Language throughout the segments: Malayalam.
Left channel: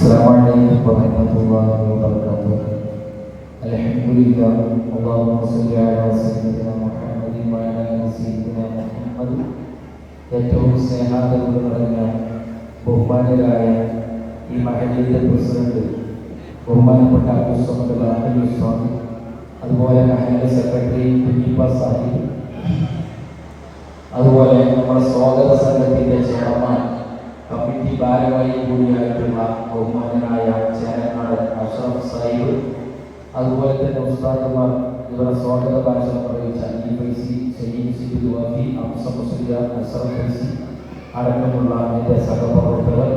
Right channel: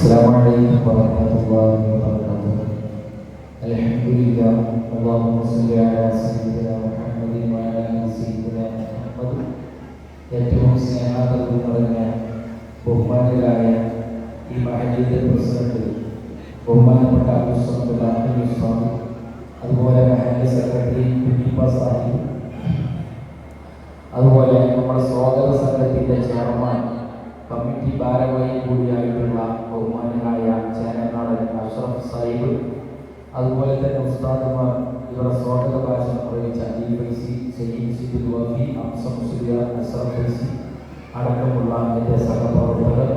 Assalamualaikum warahmatullahi wabarakatuh. Alhamdulillah. Allahumma salli ala sayyidina Muhammadin wa ala ali sayyidina Muhammad. ഏറ്റവും സ്നേഹാദരവ് നിറഞ്ഞ ബഹുമാനരായ ഈ മഹല്ലിന്റെ പ്രസിഡന്റ് ബഹുമാനപ്പെട്ട അബ്ദുൽ സ്വാമി, അതുപോലെ മഹല്ല് സെക്രട്ടറി കുഞ്ഞിപ്പ സാഹിബ്, അതുപോലെ നമ്മുടെ സ്വാഗത സംഘത്തിന്റെ ചെയർമാൻ, കമ്മിറ്റി ഭാരവാഹി കൂടിയായിട്ടുള്ള ബഹുമാനായ ചെയർമാൻ അഷ്റഫ് സാഹിബ്, അതുപോലെ തന്നെ ഉസ്താദുമാർ, ഇവരുടെ സ്വാഗത ഭാഷണം നിർവഹിച്ച അടക്കമുള്ള എൻ്റെ സഹപ്രവർത്തകർ,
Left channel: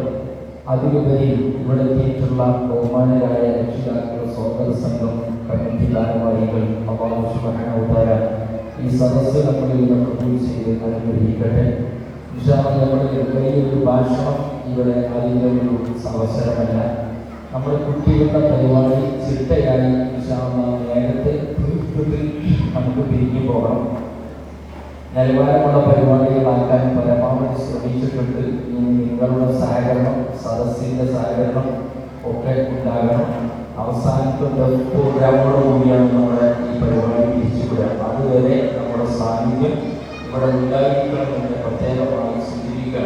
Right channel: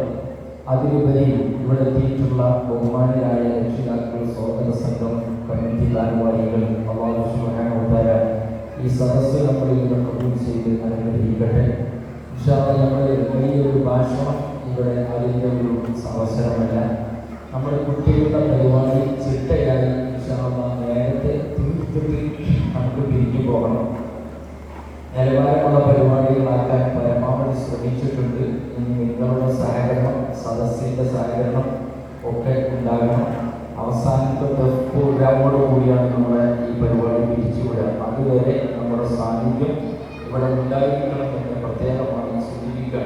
അതിലുപരി ഇവിടെ എത്തിയിട്ടുള്ള ബഹുമാനരായ രക്ഷിതാക്കൾ, സ്വാഗത സംഘം, കമ്മിറ്റി ഭാരവാഹികൾ, അല്ലാഹു സുബ്ഹാനഹു വ തആല ഈ സദസ്സ് നമ്മളിൽ നിന്ന് കബൂൽ ചെയ്ത് അനുഗ്രഹിക്കട്ടെ. ഇൻഷാ അല്ലാഹ് നമ്മുടെ വലിയൊരു ഭാഷണം ഇവിടെ അതിൻ്റെ ഒരു അവസരമല്ല. നമ്മുടെ കുട്ടികളുടെ പരിപാടി ചിട്ടയായി ഇൻഷാ അല്ലാഹ് നേരത്തെ തീർത്തിട്ട് നമുക്ക് പിരിഞ്ഞു പോകണം. നിലവാരമുള്ള പരിപാടികളാക്കാൻ പരമാവധി ശ്രമിച്ചിട്ടുണ്ട്. ഇനി നിങ്ങളുടെ സഹകരണം, സദസ്സിൻ്റെ സഹകരണം ഒക്കെ ഉണ്ടാകണം. അവസാനത്തെ പ്രോഗ്രാമോടുകൂടിയാണ് നമ്മുടെ ഈ പരിപാടി പിരിച്ചുവിടുക. അതുവരെ നമ്മുടെ സാന്നിധ്യം ഇവിടെ ഉണ്ടായിരിക്കണമെന്ന് പ്രത്യേകമായി സൂചിപ്പിക്കുക.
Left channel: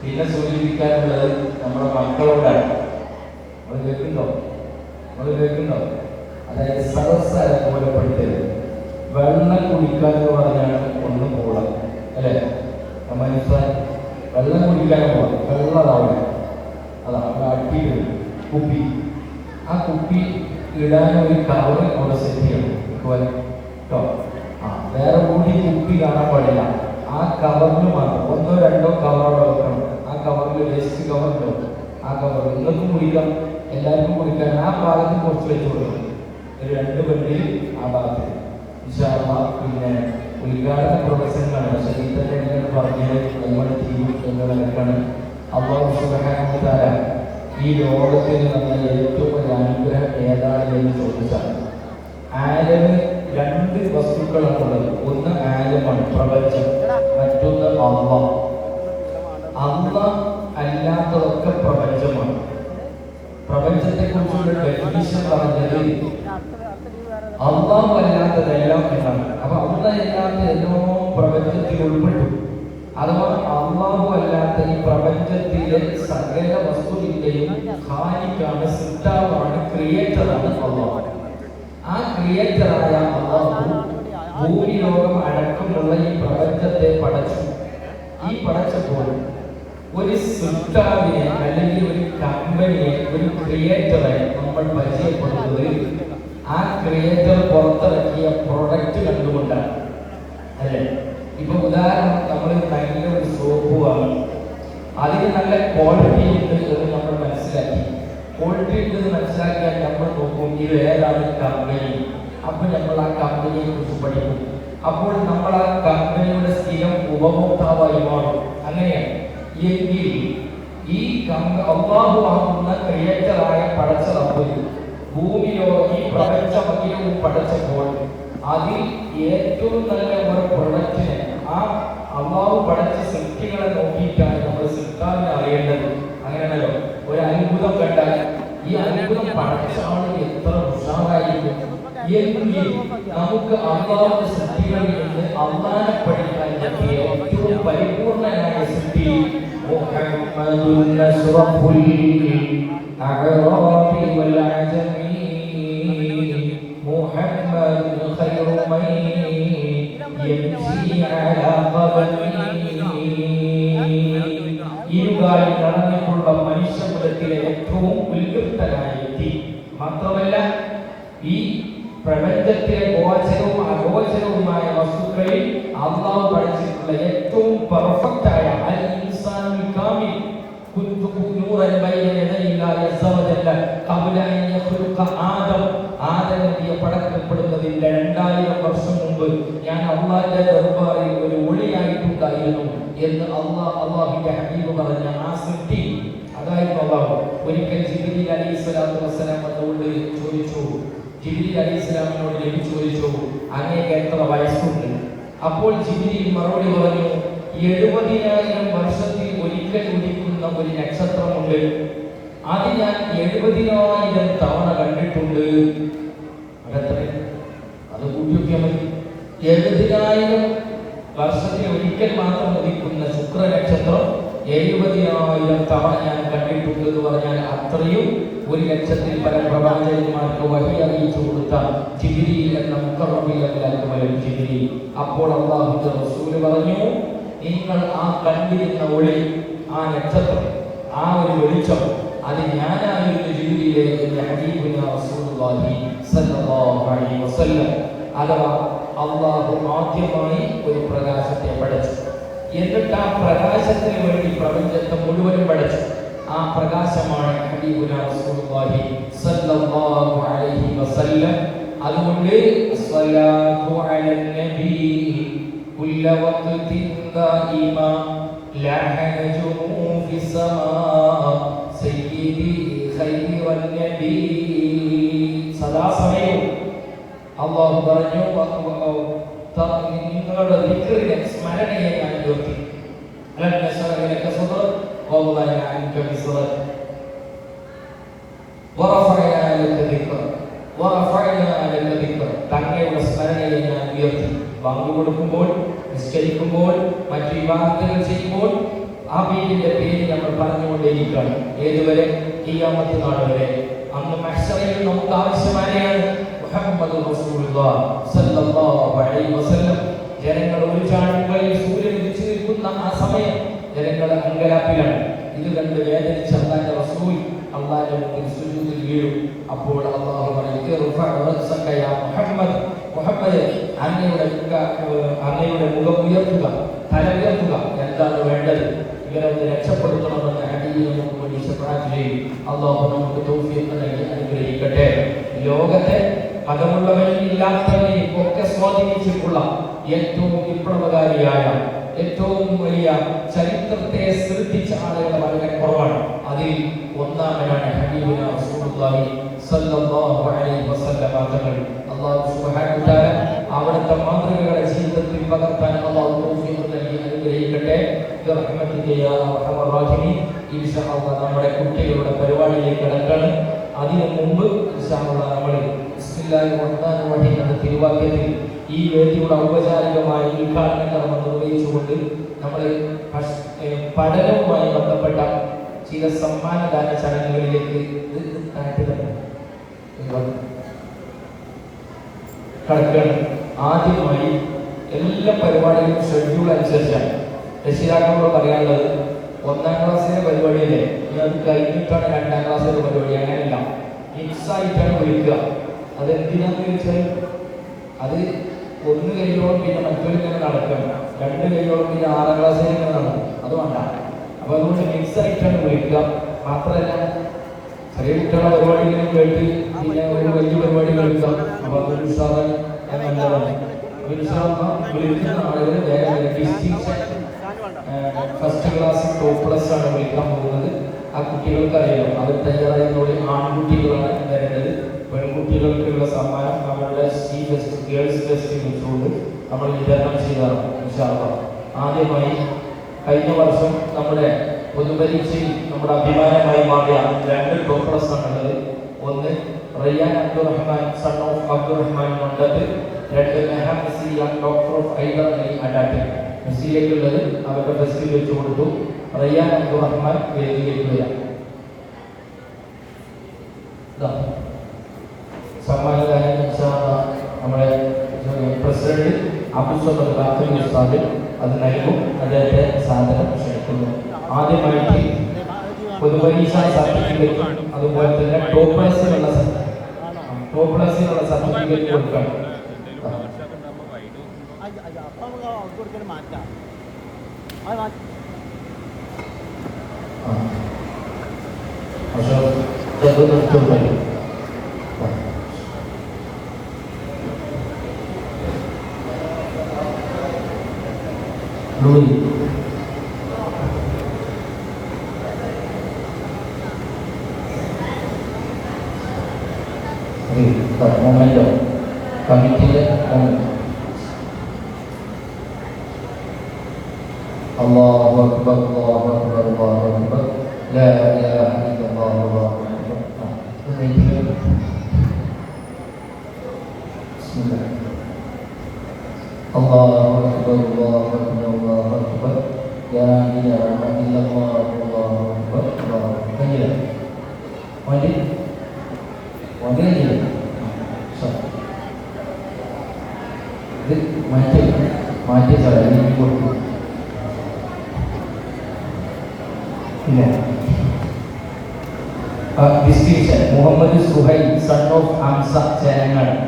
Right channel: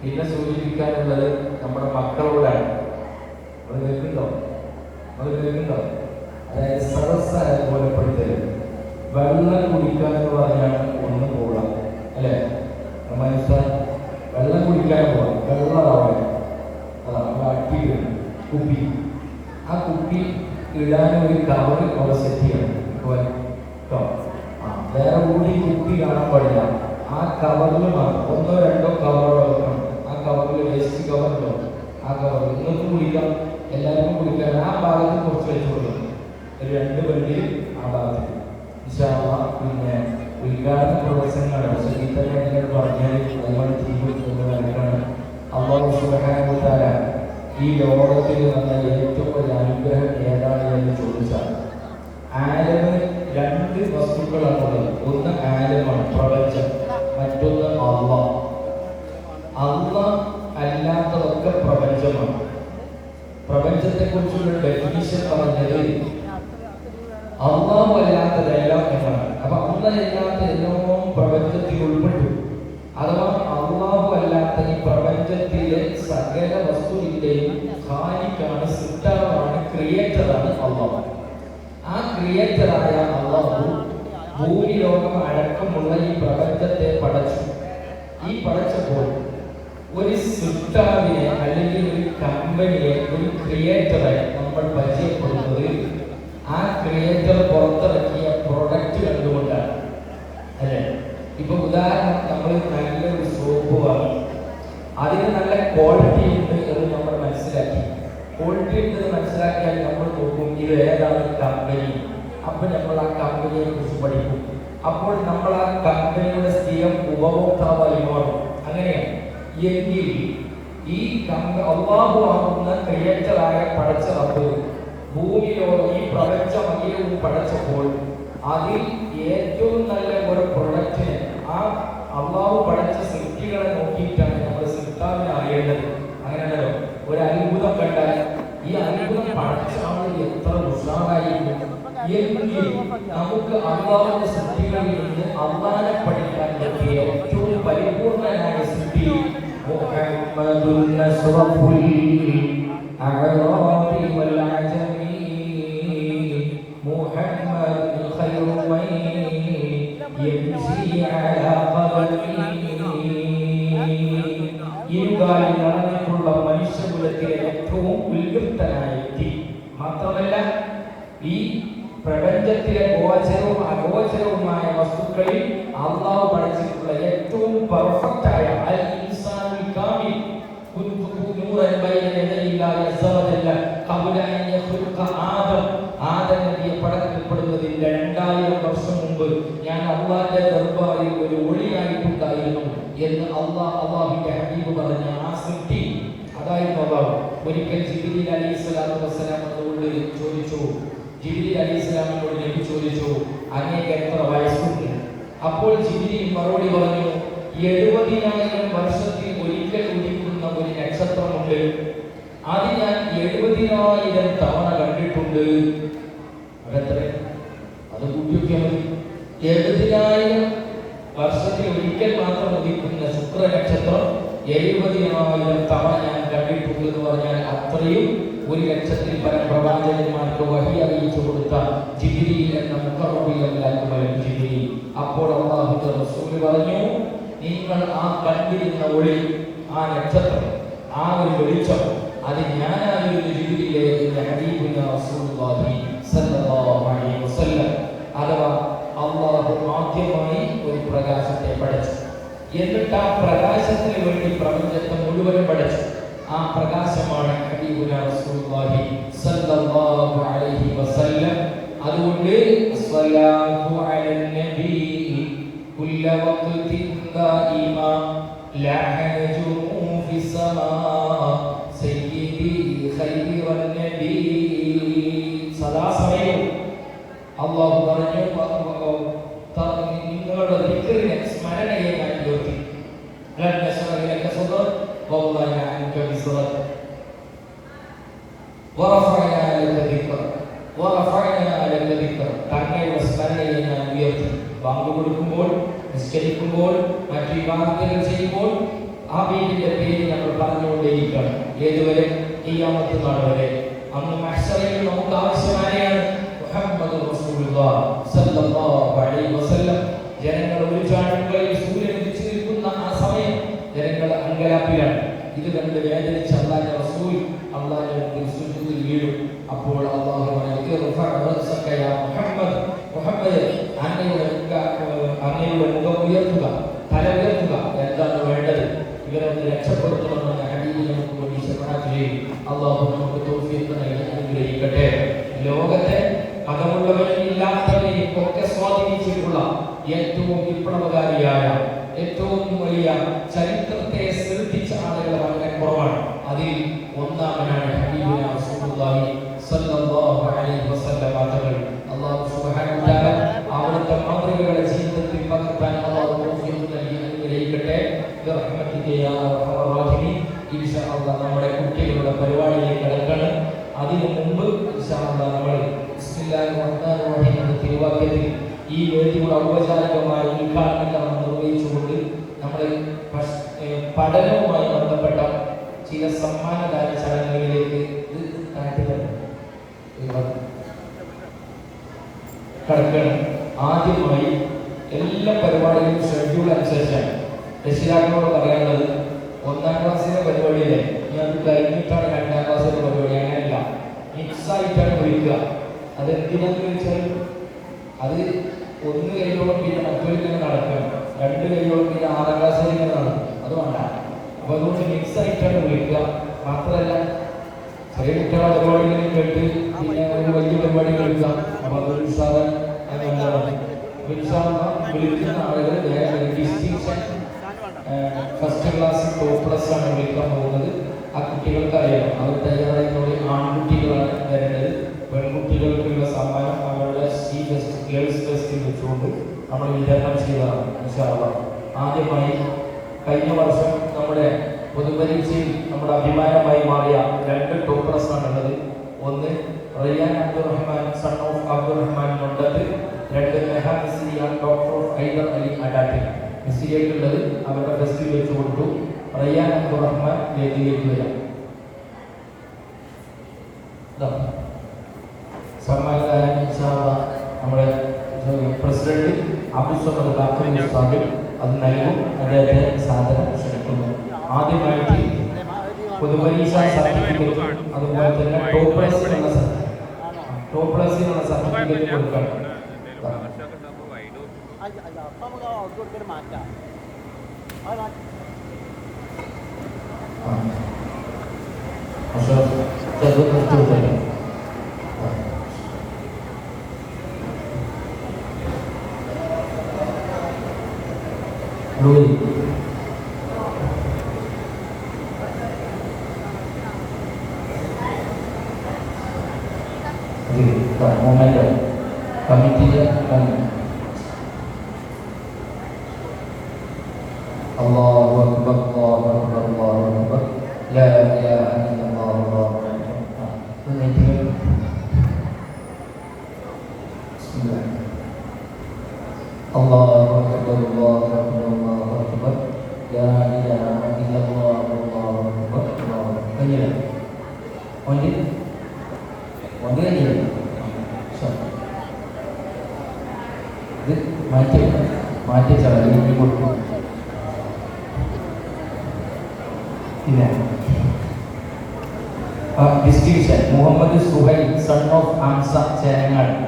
പിന്നെ സൂചിപ്പിക്കാനുള്ളത് നമ്മുടെ മക്കളോടാണ്. അത് കേൾക്കുന്നുണ്ടോ? അതായത് സദസ്സ് അനുകൂലപ്പെടുത്തരുത്. വെള്ളം കുടിക്കാന്ന് പറഞ്ഞാണ് ഒന്ന് പോകണം, അല്ലേ? മനസ്സിലായി? വെള്ളം കുടിക്കാൻ പോകും, വെള്ളമാവണം. അതാണ് അട്ടി കുപ്പി. ആ കുപ്പി ഇടാൻ ഒരു കവർ അവിടെ സെറ്റ് ചെയ്യണം കേട്ടോ. വേറെ കൂടി കുപ്പി കാണാൻ പാടില്ല. ആ കവറിൽ മാത്രം ഒന്നോ രണ്ടോ കവറോടെ വെക്കണം. ആ കവറിൽ വേസ്റ്റ് കവറുണ്ടോ? ആ കവറിൽ നിങ്ങൾക്ക് കുടിക്കാം, എല്ലാവർക്കും കുടിക്കാൻ ആ ഭാഗത്ത് കുറച്ച് വെച്ച് കൊടുക്കണം. രണ്ട് വണ്ടി ആ ഭാഗത്ത്. പിന്നെ ഉദ്ഘാടന പ്രവർത്തനമാണ്. പക്ഷേ ഈ തന്നെ നിങ്ങൾ പറഞ്ഞാൽ നമ്മൾ ചെയ്യും എന്ന് നടക്കണം. അല്ലാഹു സുബ്ഹാനഹു വ തആല ഈ ലോകത്തിൽ നമ്മൾ ഏറ്റവും വലിയ അനുഗ്രഹം ഏതാണ് എന്ന് ചോദിച്ചാൽ, ആലമ് രണ്ട് വസ്തുക്കളാണുള്ളത്. ഒന്ന് ആലമാണ്, പ്രപഞ്ചം. മറ്റൊന്ന് അല്ലാഹ്. അല്ലാഹ് അല്ലാത്തതൊക്കെ പ്രപഞ്ചമാണ്. പ്രപഞ്ചത്തെ കുറിച്ചുള്ള ഡെഫിനിഷൻ പറഞ്ഞത് അല്ലാഹു അല്ലാത്തതെല്ലാം എന്നാണ്. അപ്പൊ അല്ലാഹ് അല്ലാത്ത എല്ലാം പ്രപഞ്ചത്തിൽ ഉൾപ്പെട്ടു. അഥവാ അല്ലാഹു അല്ലാത്ത ഈ പ്രപഞ്ചത്തിലെ സകല വസ്തുവിന്റെയും ഖാലിഖാണ്, സൃഷ്ടാവാണ്, ക്രിയേറ്ററാണ് അല്ലാഹു. ആ ക്രിയേറ്ററായ അല്ലാഹു ഭൂമിലോകം അടക്കമുള്ള ഈ പ്രപഞ്ചത്തെ പടച്ചു. ഈ പടച്ചപ്പോൾ ഒരു സൃഷ്ടാവിനെ അല്ലെങ്കിൽ ഒരു കമ്പനിയെ, ഒരു ക്രിയേറ്ററെ നമ്മൾ പരിചയപ്പെടുന്നത് ആ ക്രിയേറ്റർ പുറത്തിറക്കിയ പ്രൊഡക്റ്റ് കണ്ടുകൊണ്ടാണ്, അല്ലേ? ഇപ്പൊ ഉദാഹരണം, നമ്മൾ നല്ലൊരു സോപ്പ് വാങ്ങി, അതിന് നല്ല ക്വാളിറ്റി ഉണ്ട് എന്ന് നമ്മൾ മനസ്സിലാക്കി. ക്വാളിറ്റി ഉണ്ടെന്ന് മനസ്സിലാക്കിയാൽ നമ്മൾ നോക്കും ഇത് ഏതാണ് കമ്പനി. അപ്പോൾ നമ്മൾ ആ കമ്പനിയെ കുറിച്ച് പഠിക്കും. അപ്പോൾ നമ്മൾ ആ കമ്പനിയുടെ സ്ഥിരം ഉപഭോക്താവായി മാറും. അങ്ങനെയാണ്. എങ്കിൽ ഈ അല്ലാഹു ആകുന്ന ക്രിയേറ്ററായ പടച്ച റബ്ബ് ഭൂമിയോ ഈ പ്രപഞ്ചമതിയിൽ പഠിച്ചപ്പോൾ അതിൽ ഏറ്റവും നല്ല ഒരു പ്രൊഡക്റ്റിനെ ആ അല്ലാഹു പഠിച്ച സൃഷ്ടികളെ നോക്കിയിട്ടാണ് നമ്മൾ സൃഷ്ടാവിനെ അറിയേണ്ടത്. അങ്ങനെയല്ലോ. ഒരു അത്ഭുതം കണ്ടാൽ ഈ അത്ഭുതം പഠിച്ച ആൾ എത്ര ഉഷാറായിരിക്കും. എങ്കിൽ നമുക്ക് അല്ലാഹുവിന്റെ സൃഷ്ടികളിൽ നിന്ന് അല്ലാഹനെ പഠിക്കാൻ പറ്റിയ ഏറ്റവും പരിപൂർണനായ സൃഷ്ടി മുഹമ്മദുൻ അഷ്റഫുൽ അഅറാബി വൽ അജമി മുഹമ്മദുൻ ഖൈറു മൻ യംശി അലാ ഖദമി. ഇരുകാലിൽ നടന്നിട്ടുള്ള മനുഷ്യകുലത്തിലെ ഏറ്റവും ഉത്കൃഷ്ടനായ വ്യക്തി. മാത്രമല്ല, ഈ പ്രപഞ്ചത്തിലെ ഗോചരവും അഗോചരവുമായ വസ്തുക്കളിൽ അല്ലാഹു പഠിച്ചിട്ടുള്ള ഏറ്റവും പെർഫെക്റ്റ് ആയ അൽ ഇൻസാനുൽ കാമിൽ നൂറൻ ബൈന യദയില്ലാഹി അസ്സ വജല്ല ഖബല അൻ യഖ്ലുഖ ആദം നബിയെ പടക്കപ്പെടുന്നതിന് 2000 വർഷം മുമ്പ് ഞാൻ അല്ലാഹുവിന്റെ ദർബാറിൽ ഒരു ഒളിയായിട്ടുണ്ടായിരുന്നു എന്ന് അല്ലാഹുവിന്റെ ഹബീബ് പറഞ്ഞ ആ സൃഷ്ടി അതായിരുന്നു അല്ലാഹു. ഒരിക്കൽ ജിബ്രീൽ അലൈഹിസ്സലാത്തു വസ്സലാം അവരോട് ചോദിച്ചു, ജിബ്രീൽ അലൈഹിസ്സലാമിനോട് നബി ചോദിച്ചു, അങ്ങേക്ക് എത്ര വയസ്സുണ്ട്? അപ്പോൾ ജിബ്രീൽ മറുപടി പറഞ്ഞു, 70,000 വർഷത്തിൽ ഒരിക്കൽ ഉദിക്കുന്ന ഒരു നക്ഷത്രമുണ്ട്, അത് ഞാൻ 70,000 തവണ കണ്ടിട്ടുണ്ട്. അത് കൂട്ടിയൊക്കെ മതി. 70,000 വർഷത്തിൽ ഒരിക്കൽ മാത്രം ഉദിക്കുന്ന ശുക്ര നക്ഷത്രം 70,000 തവണ ഞാൻ കണ്ടിട്ടുണ്ട് എന്ന് പറഞ്ഞാൽ അത്രയും 1,00,000-ൽ പല പ്രവാചകന്മാർക്ക് വഹി അറിയിച്ചു കൊടുത്ത ജിബ്രീൽ എന്ന മുഖറബിയല്ലാത്ത ജിബ്രീൽ. അപ്പോൾ അല്ലാഹുവിന്റെ റസൂൽ പറഞ്ഞു, നിങ്ങൾ ആ കണ്ടിരുന്ന ഒളി, ആ നക്ഷത്രം, ആ ഒരു വെളിച്ചം, അത് ഞാനായിരുന്നു ജിബ്രീലേ എന്ന് ഹബീബുനാ റസൂലുള്ളാഹി സ്വല്ലല്ലാഹു അലൈഹി വസല്ലം. അഥവാ അല്ലാഹു ആദ്യമായി ഒരു പ്രകാശത്തെ പടച്ചു, എന്നിട്ട് ആ പ്രകാശത്തിന് വേണ്ടി പ്രപഞ്ചത്തെ മുഴുവൻ പടച്ചു. ആ പ്രകാശമാണ് ഹബീബുനാ റസൂലുള്ളാഹി സ്വല്ലല്ലാഹു അലൈഹി വസല്ലം. അതുകൊണ്ട് സ്വലാത്തു അലൻ നബി കുല്ല വഖ്തിൻ ദായിമ ലഹ നജുമു ഫിസ്സമാ സയ്യിദി ഖൈറൻ നബി. സദാസമയവും അല്ലാഹു പറഞ്ഞു, നിങ്ങളുടെ ദിക്റിനെ, സ്മരണയെ ഞാൻ ഉയർത്തി. അലം നശ്റഹ് ലക സദ്റക വവദഅന അൻക വിസ്റക വറഫഅന ലക ദിക്റക വറഫഅന ലക ദിക്റക. തങ്ങളുടെ സ്മരണയെ ഞാൻ ഉയർത്തി. ബാങ്ക് കൊടുക്കുമ്പോൾ, നിസ്കരിക്കുമ്പോൾ, മറ്റു ഇബാദത്തുകൾ ചെയ്യുമ്പോൾ ഹബീബിന്റെ പേര് നമ്മൾ പറഞ്ഞുകൊണ്ടേയിരിക്കണം. ഏതുവരെ? ഖിയാമത്ത് നാൾ വരെ. അന്ന് മഹ്ശറിൽ നമുക്ക് ആവശ്യമായാണ് മുഹമ്മദ് റസൂലുള്ളാഹി സ്വല്ലല്ലാഹു അലൈഹി വസല്ലം. ജനങ്ങൾ ഒരു ചാണകളിൽ സൂര്യൻ ഉദിച്ചു നിൽക്കുന്ന ആ സമയം ജനങ്ങൾ അങ്കലാപ്പിലാണ്. ഇത് കണ്ട് വേദനിച്ച അല്ലാഹുവിന്റെ റസൂൽ അല്ലാഹുവിന്റെ മുമ്പിൽ സുജൂദിൽ വീഴും. അപ്പോൾ അല്ലാഹു പറഞ്ഞു, മുഹമ്മദ്, മുഹമ്മദ് അങ്ങയുടെ മുഖം ഉയർത്തുക, തല ഉയർത്തുക. എന്താണ് വേണ്ടത്? ഇവരെ രക്ഷപ്പെടുത്തണമെന്ന് ഹബീബിനെ നമുക്ക് വേണ്ടി ശുപാർശ ചെയ്യും. അല്ലാഹു നമുക്ക് തൗഫീഖ് നൽകി അനുഗ്രഹിക്കട്ടെ. ലോകത്തെ അകമുള്ളവരും ഇല്ലാത്തവരെയും ഒക്കെ സ്വാധീനിച്ചിട്ടുള്ള ഏറ്റവും വിപ്ലവകാരിയായ, ഏറ്റവും വലിയ ചരിത്രത്തെ സൃഷ്ടിച്ച ആളുകൾ വളരെ കുറവാണ്. അതിൽ ഒന്നാമനാണ് ഹബീബുനാ റസൂലുള്ളാഹി സ്വല്ലല്ലാഹു അലൈഹി വസല്ലം തങ്ങൾ. അല്ലാഹു സുബ്ഹാനഹു വ തആല അവിടുത്തെ മാതൃകകളെ ജീവിതത്തിൽ പകർത്താൻ അല്ലാഹു തൗഫീഖ് നൽകി അനുഗ്രഹിക്കട്ടെ. റഹ്മത്തിക യാ അർഹമർ റഹീമീൻ. ഇൻഷാ അല്ലാഹ് നമ്മുടെ കുട്ടികളുടെ പരിപാടിയിലേക്ക് കടക്കണം. അതിനു മുമ്പ് ഇൻഷാ അല്ലാഹ് നമ്മൾ ബിസ്മില്ലാഹിർ റഹ്മാനിർ റഹീം എന്ന തിരുവാക്യത്തിൽ ഈ വേദിയുടെ ഔപചാരികമായി ഉദ്ഘാടന കർമ്മം നിർവഹിച്ചുകൊണ്ട് നമ്മൾ പഠനവുമായി ബന്ധപ്പെട്ട ചില സമ്മാനദാന ചടങ്ങുകളിലേക്ക് കടക്കണം. ആദ്യമായി എല്ലാ പരിപാടികളും ഷെഡ്യൂൾ അനുസരിച്ചാണ്. രക്ഷിതാക്കളോട് പറയാനുള്ളത്, 1ാം ക്ലാസ്സിലെ പരിപാടിയിലെ ഞാൻ കഴിഞ്ഞിട്ടാണ് 2ാം ക്ലാസ്സിലെ പരിപാടി. അങ്ങനെയല്ല, മിക്സായിട്ടാണ് വിളിക്കുക. അതെന്തിനാന്ന് ചോദിച്ചാൽ അത് 1 കഴിയോളം പിന്നെ മറ്റൊരിക്കലും നടക്കണം, 2 കഴിയോളം പിന്നെ 6ാം ക്ലാസ്സിൽ ഇങ്ങനെ നടക്കും. അത് വേണ്ട. അപ്പൊ അതുകൊണ്ട് മിക്സായിട്ടാണ് വിളിക്കുക. മാത്രമല്ല, ചെറിയ കുട്ടികളുടെ പരിപാടികളും കേട്ട് പിന്നെ ഒരു വലിയ പരിപാടി കളിക്കുക. അപ്പൊ അതൊരു ഉത്സാഹം വിളിക്കുന്ന ആളുകൾ വേറെ distinction first class top plus ആണ് വിളിക്കാൻ പോകുന്നത്. ആ കുട്ടികൾക്ക് അറിയാം, അവർ തയ്യാറായതോടെ ആൺകുട്ടികളാണ് വരേണ്ടത്. പെൺകുട്ടികൾക്കുള്ള സമ്മാനം അവരുടെ സി ടെസ്റ്റ്, ഗേൾസ് ടെസ്റ്റ് വെച്ചുകൊണ്ട് നമ്മൾ വിതരണം ചെയ്തതാണ്. ഇൻഷാ അല്ലാഹ് ആദ്യമായി കഴിഞ്ഞ വർഷം നമ്മുടെ പൊതുപരീക്ഷയിൽ നമ്മുടെ അഭിമാനമായി മാറിയ 2 ടോപ്പ് പ്ലസ് ആണുള്ളത്. ഒന്ന് Rayyan Abdurahman, son of Abdurahman Mandath. 2 Mehasiya, daughter of Haidar Ali Adatti. മെസ്സിലേക്കുള്ളത് അവരുടെ ടെസ്റ്റിൽ വെച്ച് കൊടുത്തു. റയ്യാൻ അബ്ദുറഹ്മാൻ വേദിയിലേക്ക് വരാം. സമ്മാനദാനം ഇൻഷാ അല്ലാഹ് നമ്മുടെ പ്രസിഡന്റ് അബ്ദുൽ ഖാദർ ഉസ്താദ് അത് നൽകും. അദ്ദേഹത്തെ സാദരം ക്ഷണിക്കുന്നു. ആദ്യമായിട്ട് പൊതുപരീക്ഷാ സർട്ടിഫിക്കറ്റും അതുപോലെ തന്നെ ടോപ്പ് പ്ലസിനുള്ള സർട്ടിഫിക്കറ്റ് കൊടുക്കണം. Allahu Akbar, Allahu Akbar, Allahu Akbar, la ilaha illallah. Distinction Muhammad Suhail, son of Ansa Cherangan.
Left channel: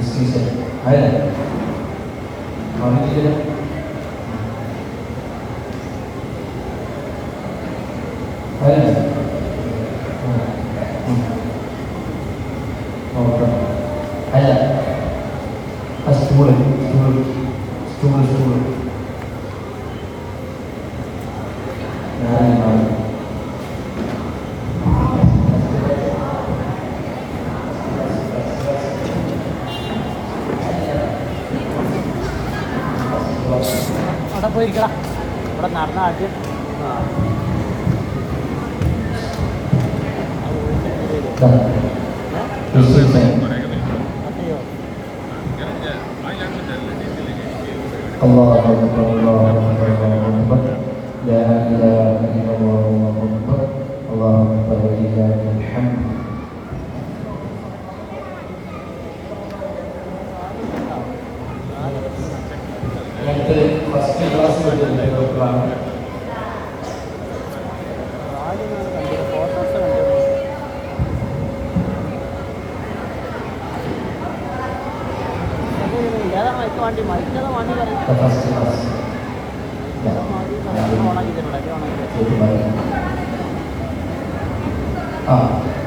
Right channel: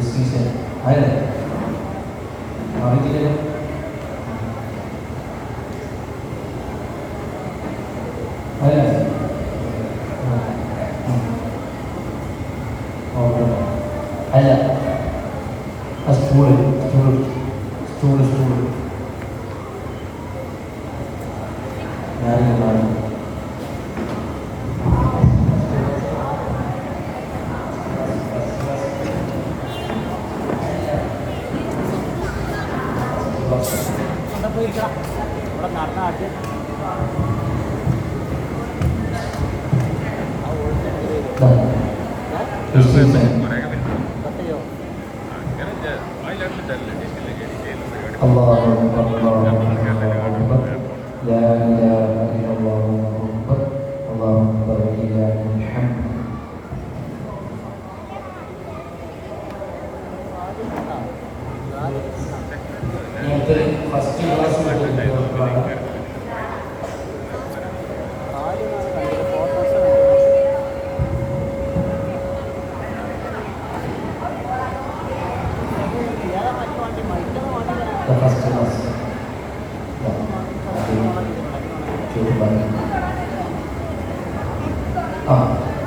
Distinction. Ada. Mana dia? Ada. Oh. Ada. Stool.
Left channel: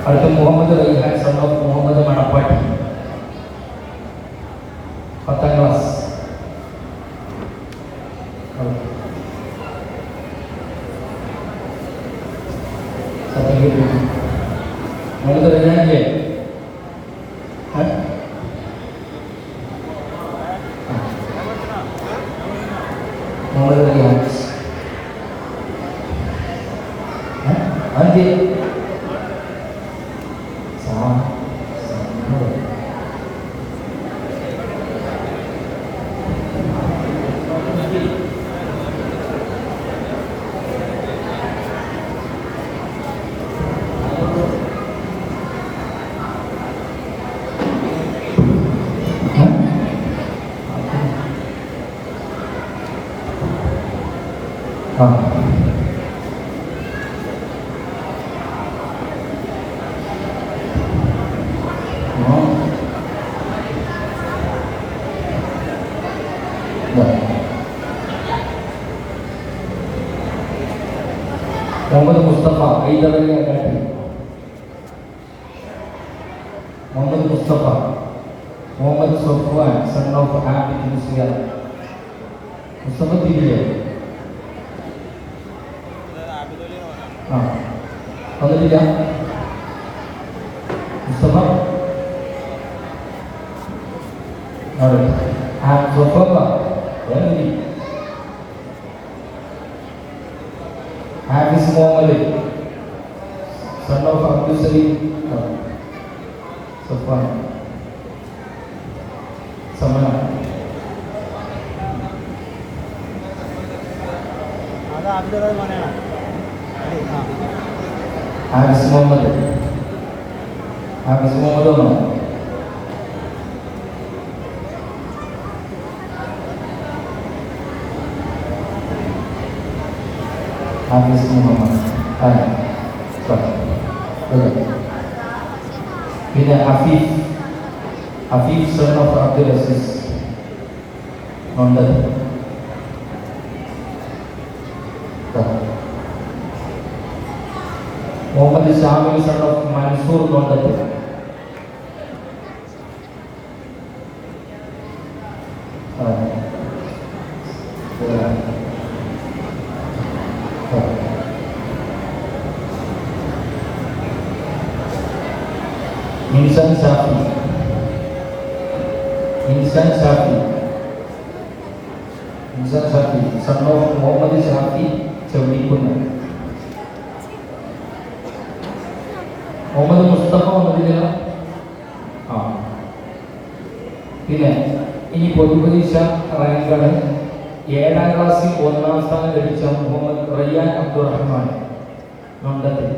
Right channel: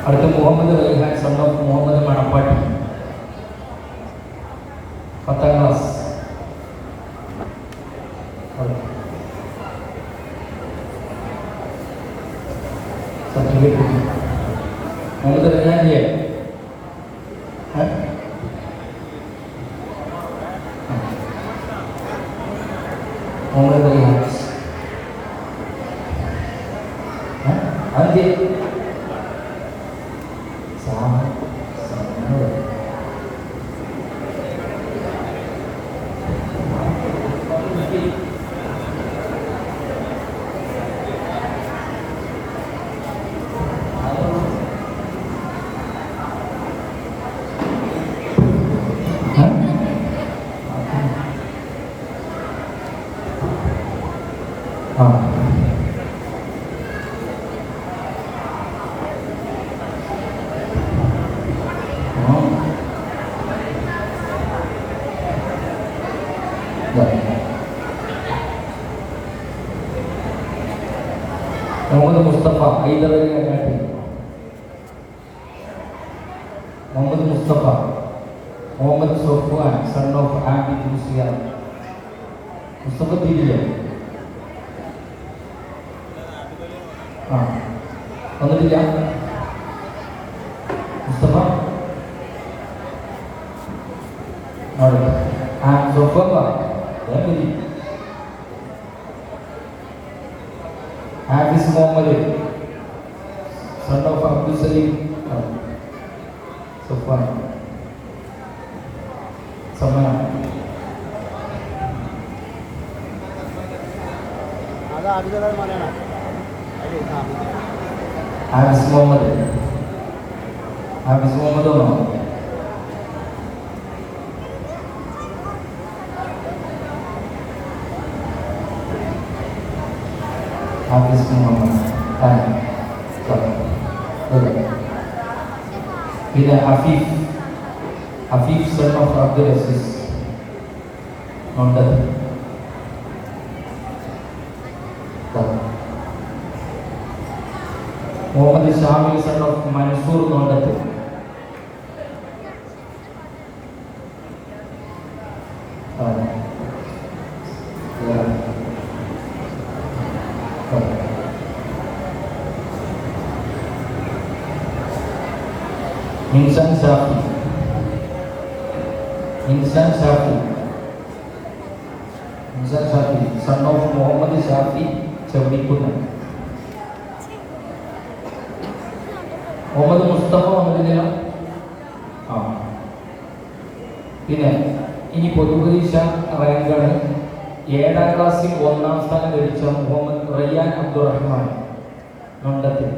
Ada Muhammad Raihan, son of Muhammad Manapati, 4th class. Satu lagi. Muhammad Raihan dia. Muhammad Raihan. Andi. Muhammad Mustafa, Aidaraya Gati. Muhammad Mustafa, Muhammad Sofwan, son of Abid Muslihat. Mustafa dia. Kalau tidak, Mustafa. Sofwan, ya ini. Hafiz Muhammad, son of Abdul Salim, Sofwan, sama. Hafiz Muhammad, Hafiz Muhammad Umar. Hafiz Muhammad. Ini Afif, son of Abdul Aziz, Nomor. Shamil son of Mansoor Kondath. Insan Shafi, Insan Shafi, Insan Shafi son of Muhammad Shafi ചവിടിക്കുന്ന. മുഹമ്മദ് മുസ്തഫ വന്നില്ല. ആ പിന്നെ ഇനി പൊതുപരീക്ഷ റാങ്കാണ്. 7ാം ക്ലാസ്സിൽ 1ാം സ്ഥാനം ലഭിച്ച മുഹമ്മദ് റയ്യാൻ അബ്ദുറഹ്മാൻ മണ്ടത്തിൽ.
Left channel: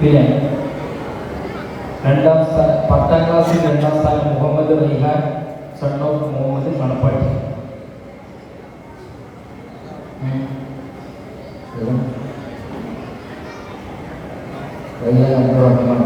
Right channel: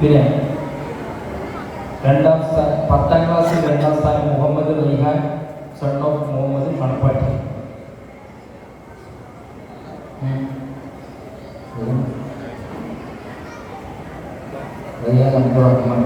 പിന്നെ 10ാം ക്ലാസ്സിൽ 2ാം സ്ഥാനം മുഹമ്മദ് റൈഹാൻ സൺ ഓഫ് മുഹമ്മദ് മണപ്പാട്ടി. റയ്യാൻ അബ്ദുറഹ്മാൻ.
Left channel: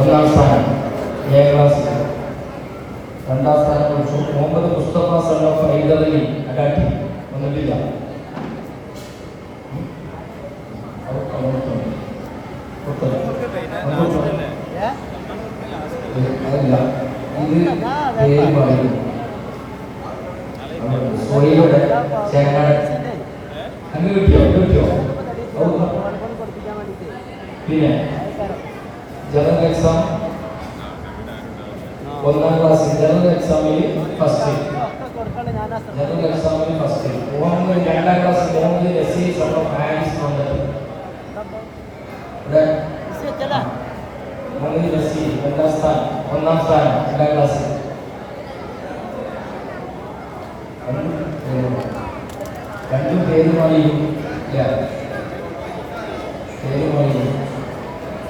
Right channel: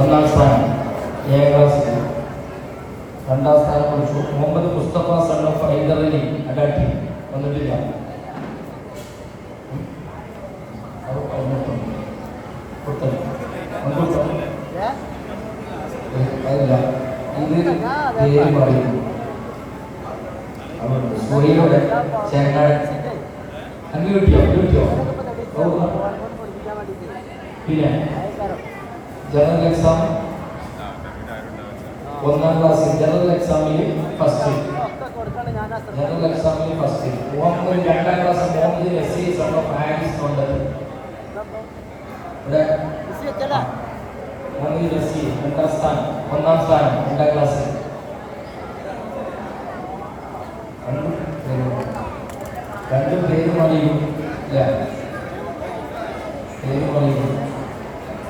ഒന്നാം സ്ഥാനം 7ാം ക്ലാസ്സിൽ. 2ാം സ്ഥാനം മുഹമ്മദ് മുസ്തഫ സൺ ഓഫ് ഹൈദർ അലി അഗാട്ടി വന്നിട്ടില്ല. ഇത് പേര് പറയുന്നു സോയിയുടെ ചേങ്ങാൻ അങ്ങ് കിട്ടിയോ. പിന്നെ ജനറൽ എക്സാം 1ാം ക്ലാസ്സിൽ ജനറൽ എക്സാമിൽ ഫസ്റ്റ്. മുഹമ്മദ് 2ാം class Muhammad Naseer son of Haris വന്നത്. മുഹമ്മദ് നസീർ 1ാം സ്ഥാനം 2ാം ക്ലാസ്സിൽ. രണ്ടും പേര് മണിയും പേര് മണിയും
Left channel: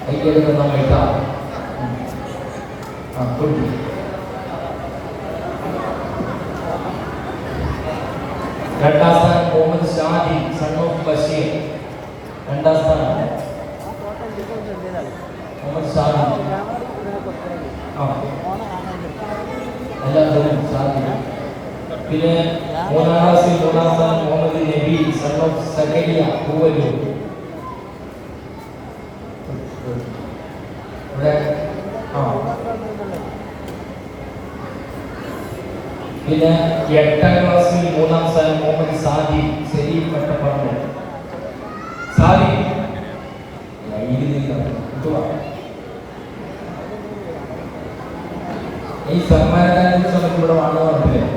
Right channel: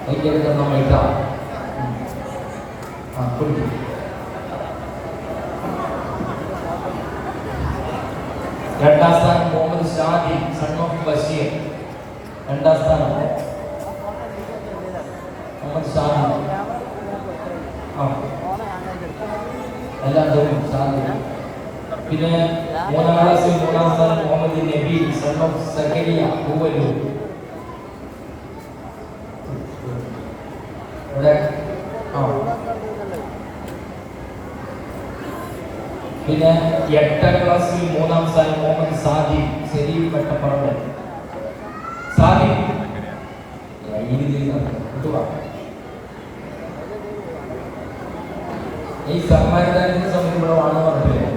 അതിൻ്റെ നമ്മൾ ഇട്ടാം. രണ്ടാം സ്ഥാനം മുഹമ്മദ് ഷാദി സൺ ഓഫ് ബഷീർ. 2ാം സ്ഥാനം മുഹമ്മദ് ഷാദി. എല്ലാവരും ഷാദി. പിന്നെ 3ാം ക്ലാസ്സിൽ 3ാം സ്ഥാനം മുഹമ്മദ് നബി സൺ ഓഫ് സക്കരിയ പൂവല്ലൂർ. പിന്നെ 8ാം ക്ലാസ്സിൽ 3ാം സ്ഥാനം മുഹമ്മദ് സാദി സലീം കട്ടപ്പറമ്പ്. സാദി ഈ സമ്മാനദാനത്തിന് സമയത്തുള്ള ആണോ അറിയില്ല.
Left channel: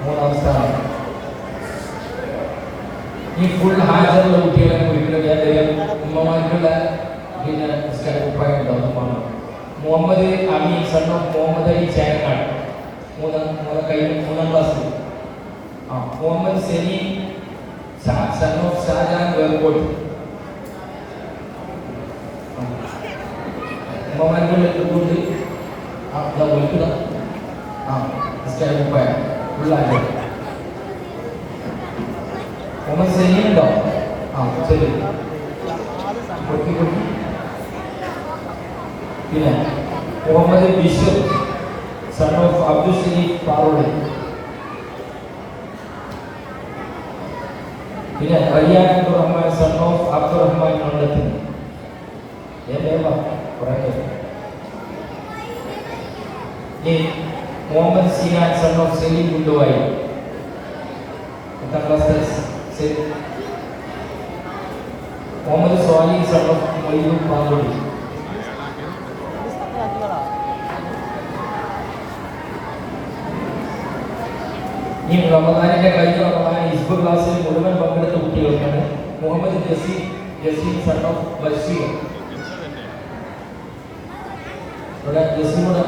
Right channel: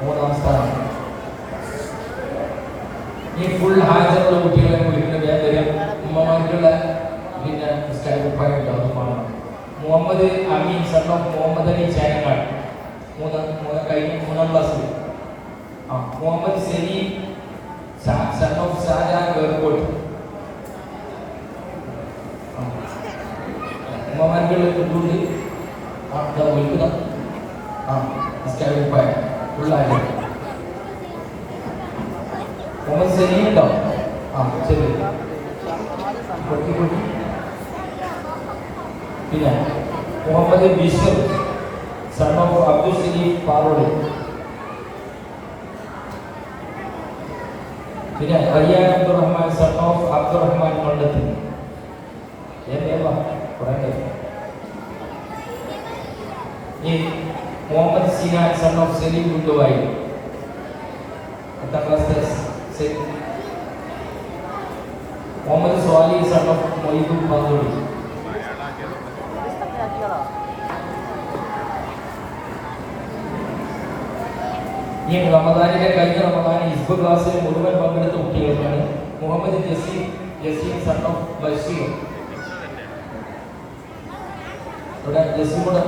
3ാം സ്ഥാനം. ഈ ഫുൾ ഹാജറുള്ള കുട്ടികളെ വിളിക്കുന്നത് ഉമ്മമാർക്കുള്ള പിന്നെ അഭിപ്രായം. മുഹമ്മദ് അമീൻ സൺ ഓഫ് മുഹമ്മദ് അലി ചേങ്ങാട് 3ാം ക്ലാസ്സിൽ. Muhammad Saleem son of Shajan Verpot. ഉമ്മമാരുടെ അഭിപ്രായം ഫുള്ളായി. മുഹമ്മദ് സലീം ഉണ്ടോ? ശരി. പിന്നെ മുഹമ്മദ് ബിഷർ സൺ ഓഫ് അബ്ദുൽ ഷരീഫ് പാറോട്. പിന്നെ റയ്യാൻ അബ്ദുറഹ്മാൻ സൺ ഓഫ് അബ്ദുറഹ്മാൻ മണ്ടത്തിൽ. Muhammad Sinan son of Saleem Munduvayi. 10ാം class. Muhammad Swali son of Moythoor Parod. ഈ റമദാനിന്റെ കഴിഞ്ഞ റമദാൻ ഹിസ്ബ് ക്ലാസ്സിൽ മുഴുവൻ പങ്കെടുത്ത കുട്ടികൾക്കാണ്. Muhammad Jaseem son of Basheer. ജസീമോട്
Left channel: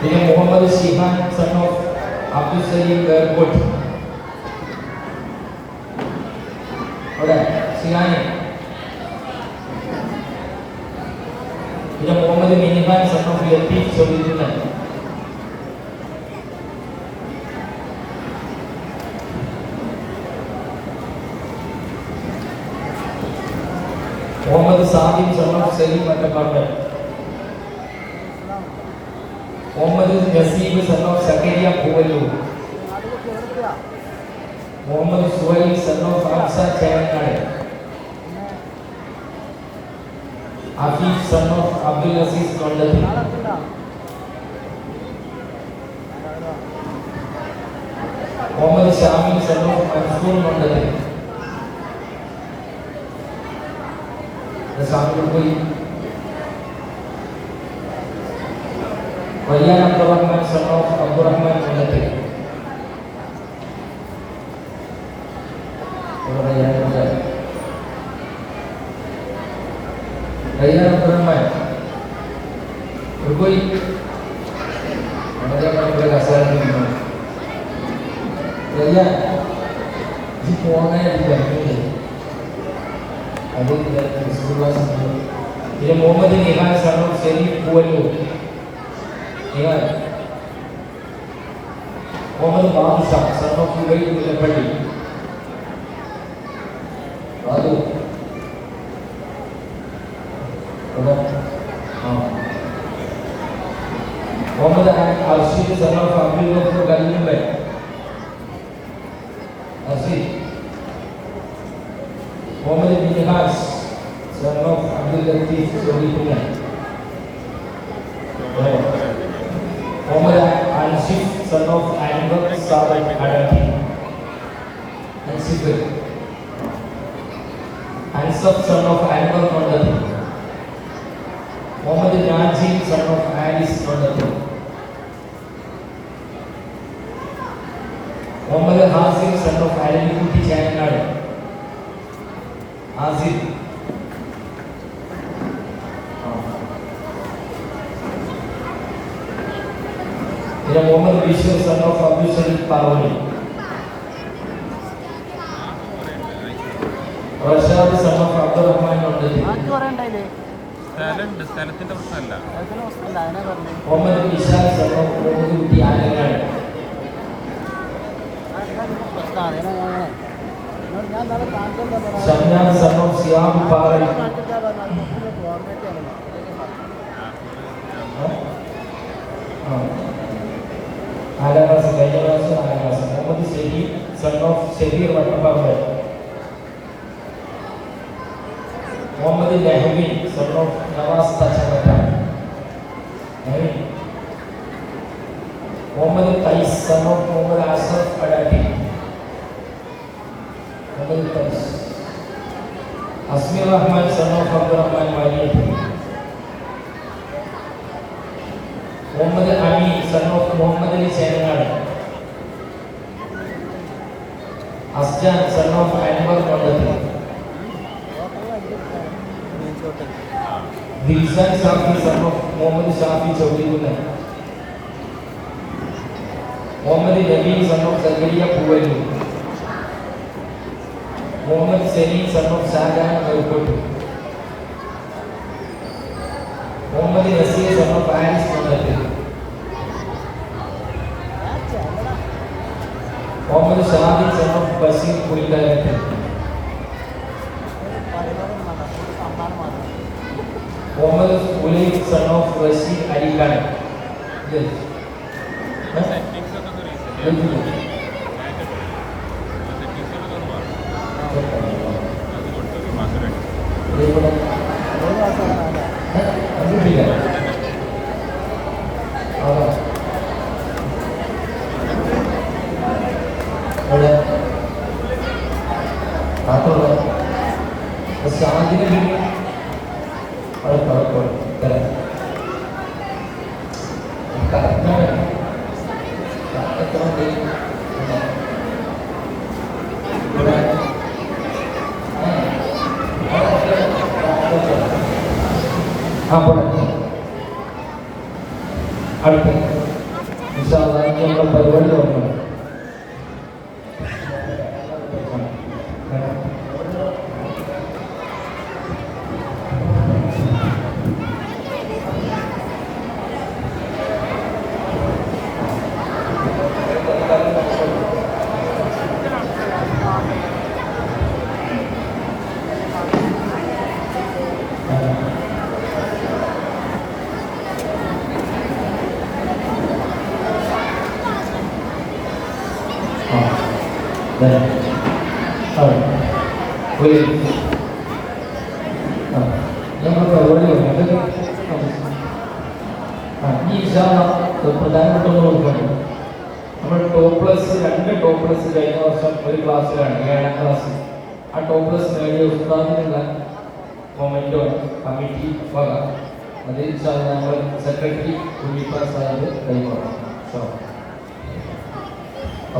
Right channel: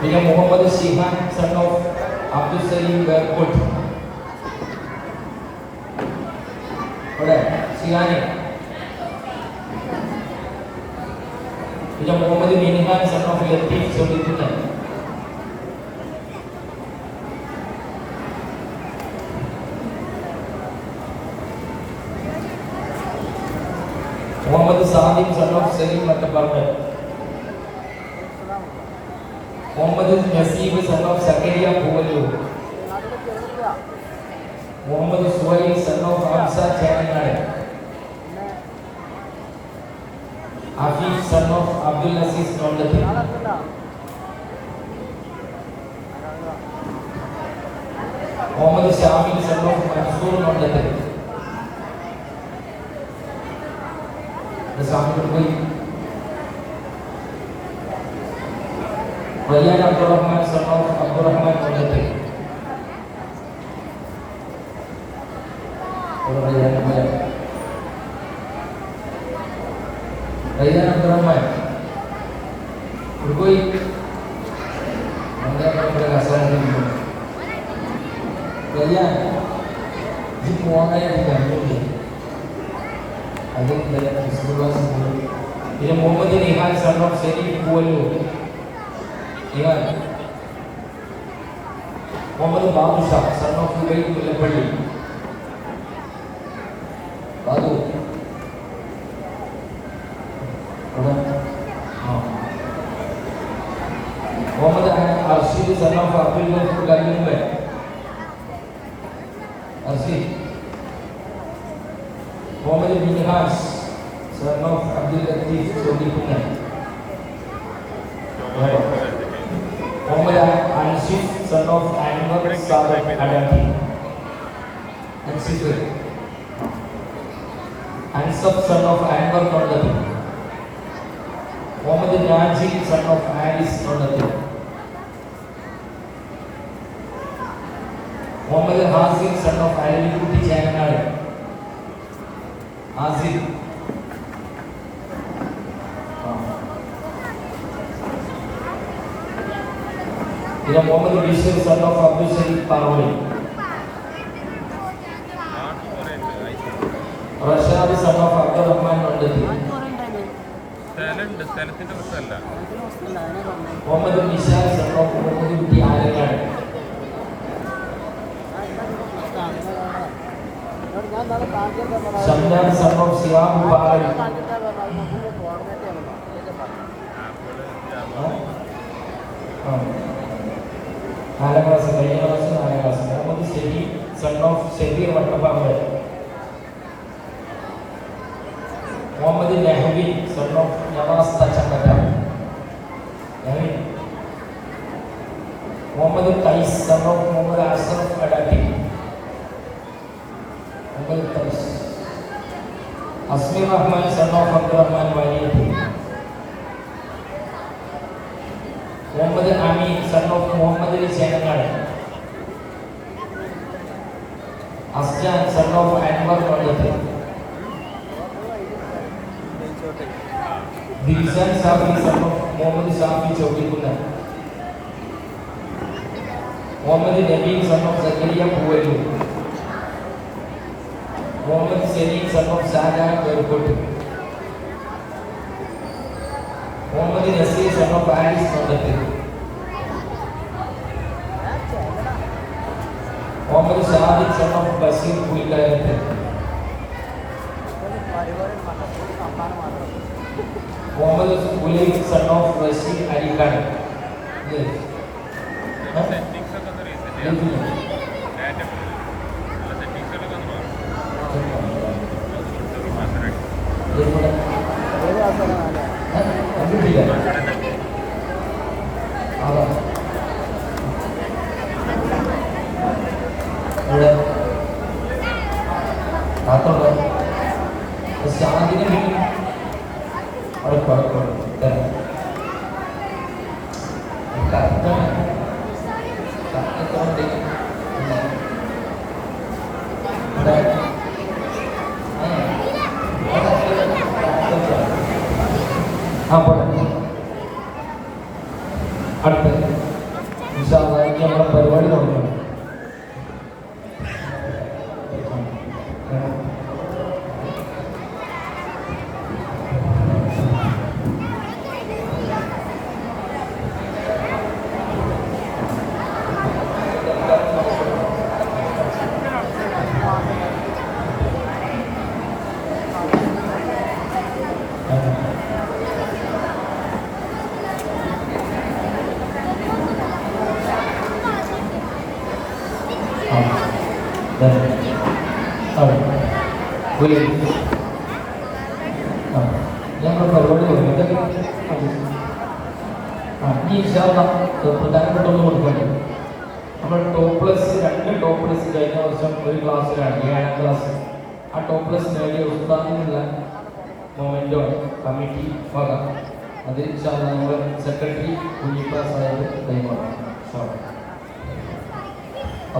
പിന്നെ Muhammad Shihan son of Abdul Saleem airport. ഷിഹാനെ. പിന്നെ Muhammad Minihan son of Latheef Soleed. Muhammad Sadim son of Saleem Mattappad. Muhammad Naseeb son of Sakkariya Poovallur. Muhammad Suhail son of Ansa Cheranad. Afeef son of Abdul Azeez കൊണ്ടത്തിൽ. മുഹമ്മദ് ഷാമിൽ സൺ ഓഫ് മൻസൂർ കൊണ്ടത്തിൽ. റയ്യാൻ അബ്ദുറഹ്മാൻ സൺ ഓഫ് അബ്ദുറഹ്മാൻ കൊണ്ടത്തിൽ. റയ്യാൻ അബ്ദുറഹ്മാൻ പിന്നെ Muhammad Nihan son of Shereef Poovallur. Muhammad Badusha son of Ubaid Mullappally. Babu Muhammad Arshid sun of Abdul Gafoor Kallummal. Arsheed. Muhammad Minhas son of Abdul Latheef Soleed. Muhammad Anshif son of Anvar Sadath Adakki. Anshif. Ansaf son of Anvar കൊണ്ടത്തിൽ. മുഹമ്മദ് നാജിം സൺ ഓഫ് ആലിസ് കൊണ്ടത്തിൽ. Muhammad Hasim son of Alavikutty Cheranad. ആസിഫ്. പിന്നെ Muhammad Basheer son of Abdul Shareef Pavali. Rashad son of Abdurahman കൊണ്ടത്തിൽ. Muhammad Nishan son of Muhammad Kutty Alakkad. Shamnan son of Siyab Pavali. നാലാം ക്ലാസ് കഴിഞ്ഞ ക്ലാസ് നാലാം class. Muhammad Shereef son of Shebeer Vattappad. Muhammad Nahvin son of Navas Thachankatta. Muhammad Khais son of Muhammad Ashraf Kadatti. Muhammad Khais. Asmi Rahman son of Abdurahman Valid. Muhammad Ameen son of Muhammad Ali Cheranad. Asjan son of Anvar കൊണ്ടത്തിൽ. ദിൽഷൻ ഷാഫി സൺ ഓഫ് മുഹമ്മദ് ഷാഫി ചോദിക്കുന്നത്. Muhammad Nabeen son of Sakkariya Poovallur. Muhammad Saleem son of Shajahan Kozhikode. Muhammad Naseer son of Alis കൊണ്ടത്തിൽ. Muhammad Sadiq son of Basheer പുലിക്കരത്ത്. Muhammad Ulaikh son of Rasheed Alikhan. അടുത്ത ഇൻഷാ അല്ലാഹ് ഞങ്ങളുടെ പരിപാടി തുടങ്ങുന്നു. ഞങ്ങളുടെ പരിപാടി അതൊക്കെ ഈ പ്രധാനപ്പെട്ട കൊടുക്കണം. നമ്മുടെ ടോപ്പ്ലെസ് 2 ടോപ്പ്ലെസ് കഴിഞ്ഞ വർഷം ഒരു ക്ലാസ്സിലാണ് 7ാം ക്ലാസ്. ആ ടോപ്പ്ലെസ് നേടിയ ഉസ്താദിനുള്ള മൊമെന്റോ കമ്മിറ്റി വക അത് നമ്മുടെ സെക്രട്ടറി ഉണ്ണിപ്ര സാഹിബ് കൈമാറും.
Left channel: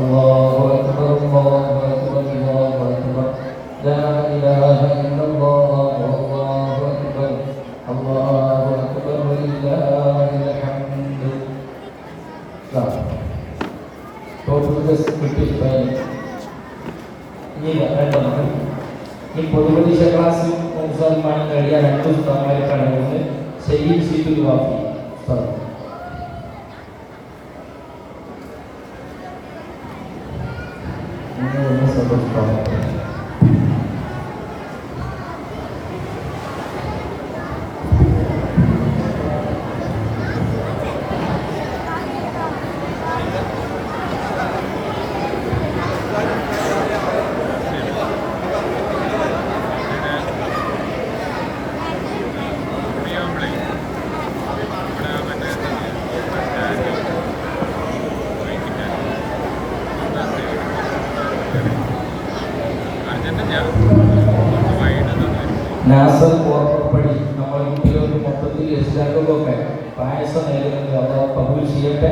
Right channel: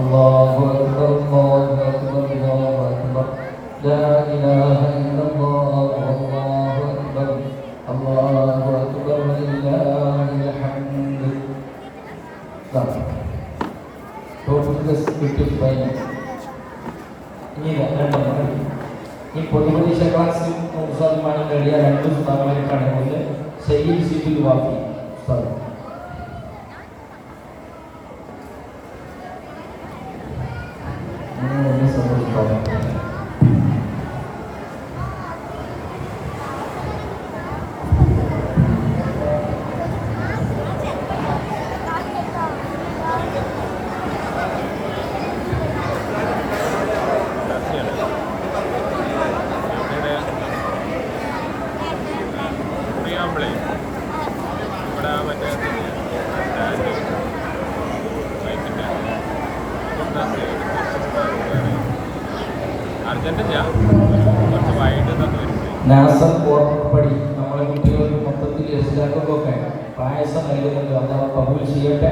അല്ലാഹു അക്ബർ അല്ലാഹു അക്ബർ അല്ലാഹു അക്ബർ ലാ ഇലാഹ ഇല്ലല്ലാഹു അല്ലാഹു അക്ബർ അല്ലാഹു അക്ബർ വലില്ലാഹിൽ ഹംദ്. ടോപ്പ്ലെസ് കിട്ടിയിട്ടാണ് ഈ പൊതുപരീക്ഷ ക്ലാസ്സിൽ 100% കഴിയാൻ 2 ഉസ്താദന്മാർക്കാണ് ഒന്ന് സയ്യിദ് സിദ്ദീഖ് വാഫി ഉസ്താദ്. നാസർ ഓർമ്മപ്പടി നമ്മുടെ കുട്ടികൾക്ക് മൊത്തത്തിൽ രക്ഷിതാക്കൾക്കൊക്കെ പായസം നൽകുന്നത് അഥവാ കബൂൽ ചെയ്യട്ടെ.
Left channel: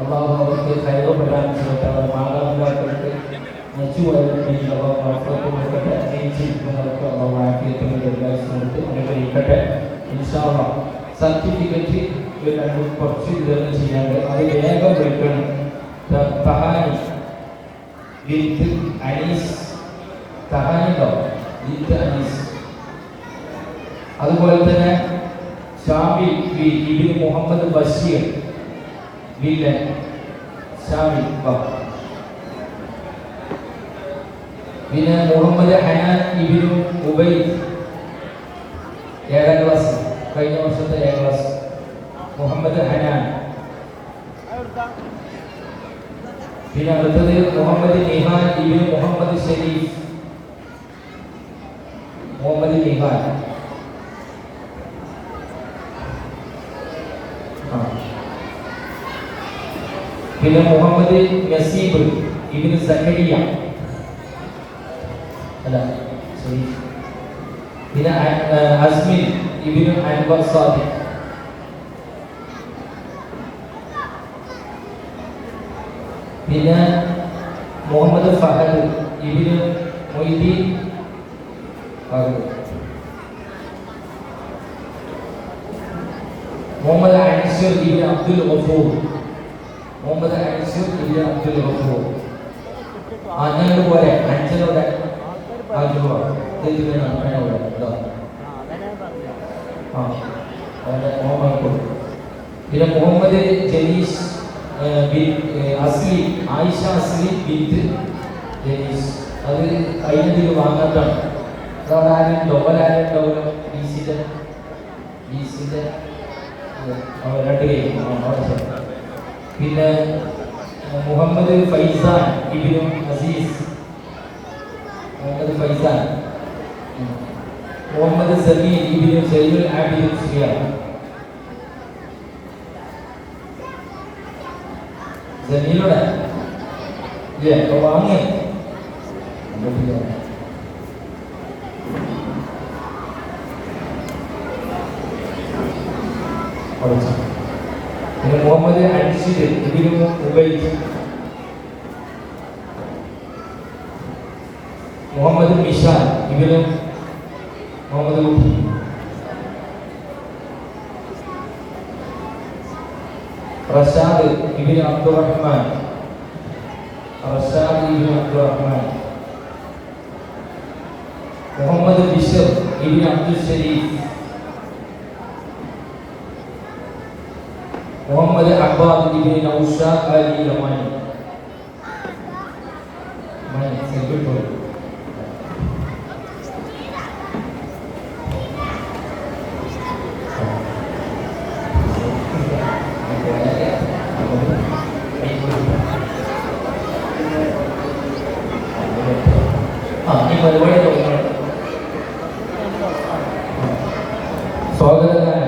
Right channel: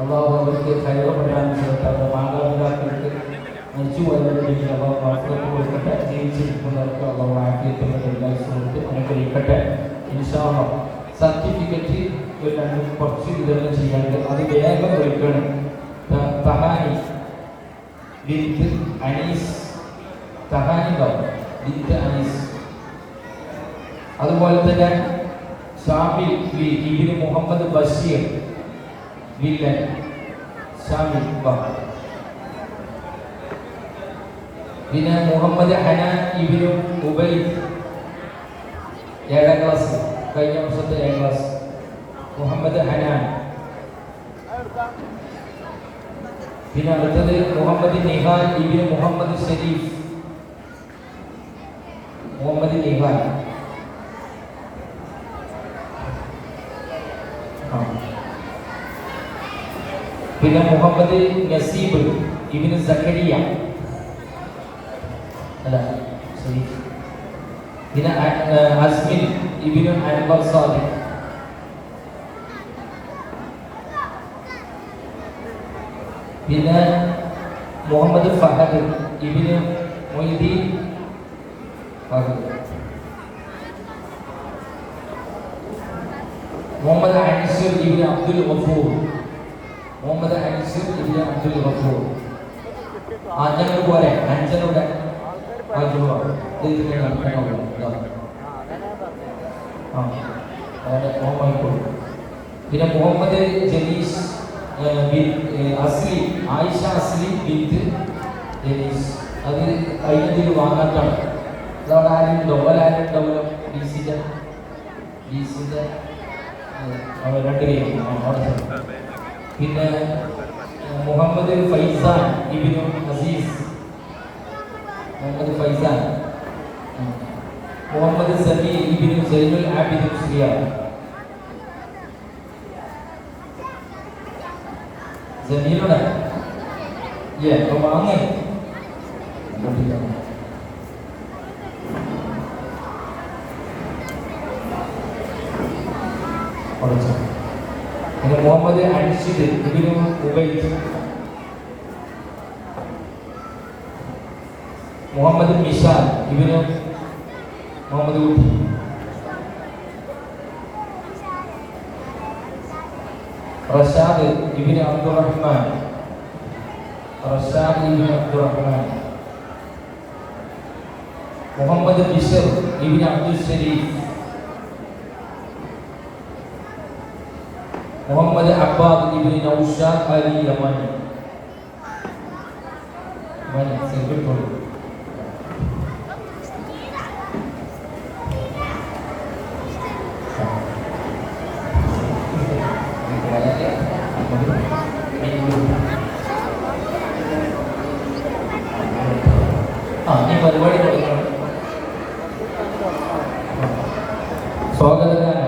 അള്ളാഹു അവർക്ക് കൈവപ്പെടാൻ ചെയ്യട്ടെ. അവർ മാതാപിതാക്കൾക്ക് നെച്ചു വരേണ്ടിയിട്ടുള്ള വാർത്തകൾ കൊടുക്കട്ടെ. ജീവിച്ചിരിക്കുന്നവർക്ക് അള്ളാഹു ആക്കിയത്തിന് കൊടുത്ത് അനുഗ്രഹിക്കട്ടെ. ഇൻഷാ അല്ലാഹ് സർട്ടിഫിക്കറ്റ് കുറച്ച് വിതരണം ചെയ്യാണ്ട് അത് വേഗം വെക്കണം. തഹാനി വിത്ത് അനീസ് തഹാനിണ്ടോ വിത്ത് അനീസ്. അതുപോലെ തന്നെ ഷാബിൽ ഇബ്നു മുഹമ്മദ് ബഷീർ വില്ലൻ ഷാബിൽ. പിന്നെ മുഹമ്മദ് ഹനാൻ ഇബ്നു ഉബൈദ് 7ാം ക്ലാസ് കഴിഞ്ഞ വർഷത്തെ 7ാം ക്ലാസ് മുഹമ്മദ് ഹനാൻ. പിന്നെ അടുത്തത് മുഹമ്മദ് നിഹാൻ ഇബ്നു മുഹമ്മദ് ഷരീഫ് മുഹമ്മദ് നിഹാൻ. പിന്നെ മുഹമ്മദ് നസീബ് ഇബ്നു സക്കരിയ അല്ല ശരി. പിന്നെ അസ്മിൻ ഇബ്നു അൻവർ സാദിഖ്. പിന്നെ മുഹമ്മദ് ഫഹദ് ഇബ്നു മൊയ്തീൻ മുഹമ്മദ് അൻസർ ഇബ്നു അബ്ദുൽ ഗഫൂർ മുഹമ്മദ് അൻസർ ഇബ്നു അബ്ദുൽ ഗഫൂർ. ഞങ്ങൾ പോലെ 5 പിന്നെ മുഹമ്മദ് ജലീസ് അസ്ലി ആയിഷ അസ്ലി ബിന്ത് ജലീസ്. അത് കഴിഞ്ഞതിൽ വാങ്ങാത്താണ്. അതാണ് ആരുണ്ടോ ആരുണ്ടാവുക ബിസിന്റെ 2 കേൾക്കും. പിന്നെ മുഹമ്മദ് ഫൈസാൻ ഇബ്നു അസീസ് മുഹമ്മദ് ഫൈസാൻ. മുഹമ്മദ് സമീർ ഇബ്നു സലീൽ ആബിദ് സിയാർ. ജമീലുടെ വാങ്ങി പിന്നെ മുഹമ്മദ് അൻഷിദ് ഇബ്നു ഉബൈദ്. മുഹമ്മദ് മിഷാൻ ഇബ്നു മുഹമ്മദ് ഊട്ടി. റഷാദ് ഇബ്നു അബ്ദുറഹ്മാൻ, റഷാദ് ഇബ്നു അബ്ദുറഹ്മാൻ. മുഹമ്മദ് ബിഷർ ഇബ്നു അബ്ദുൽ ശരീഫ്, മുഹമ്മദ് അബ്ബാദ് ഇബ്നു നൗഷാദ് അലി യമാനി. സ്വാഗതനായ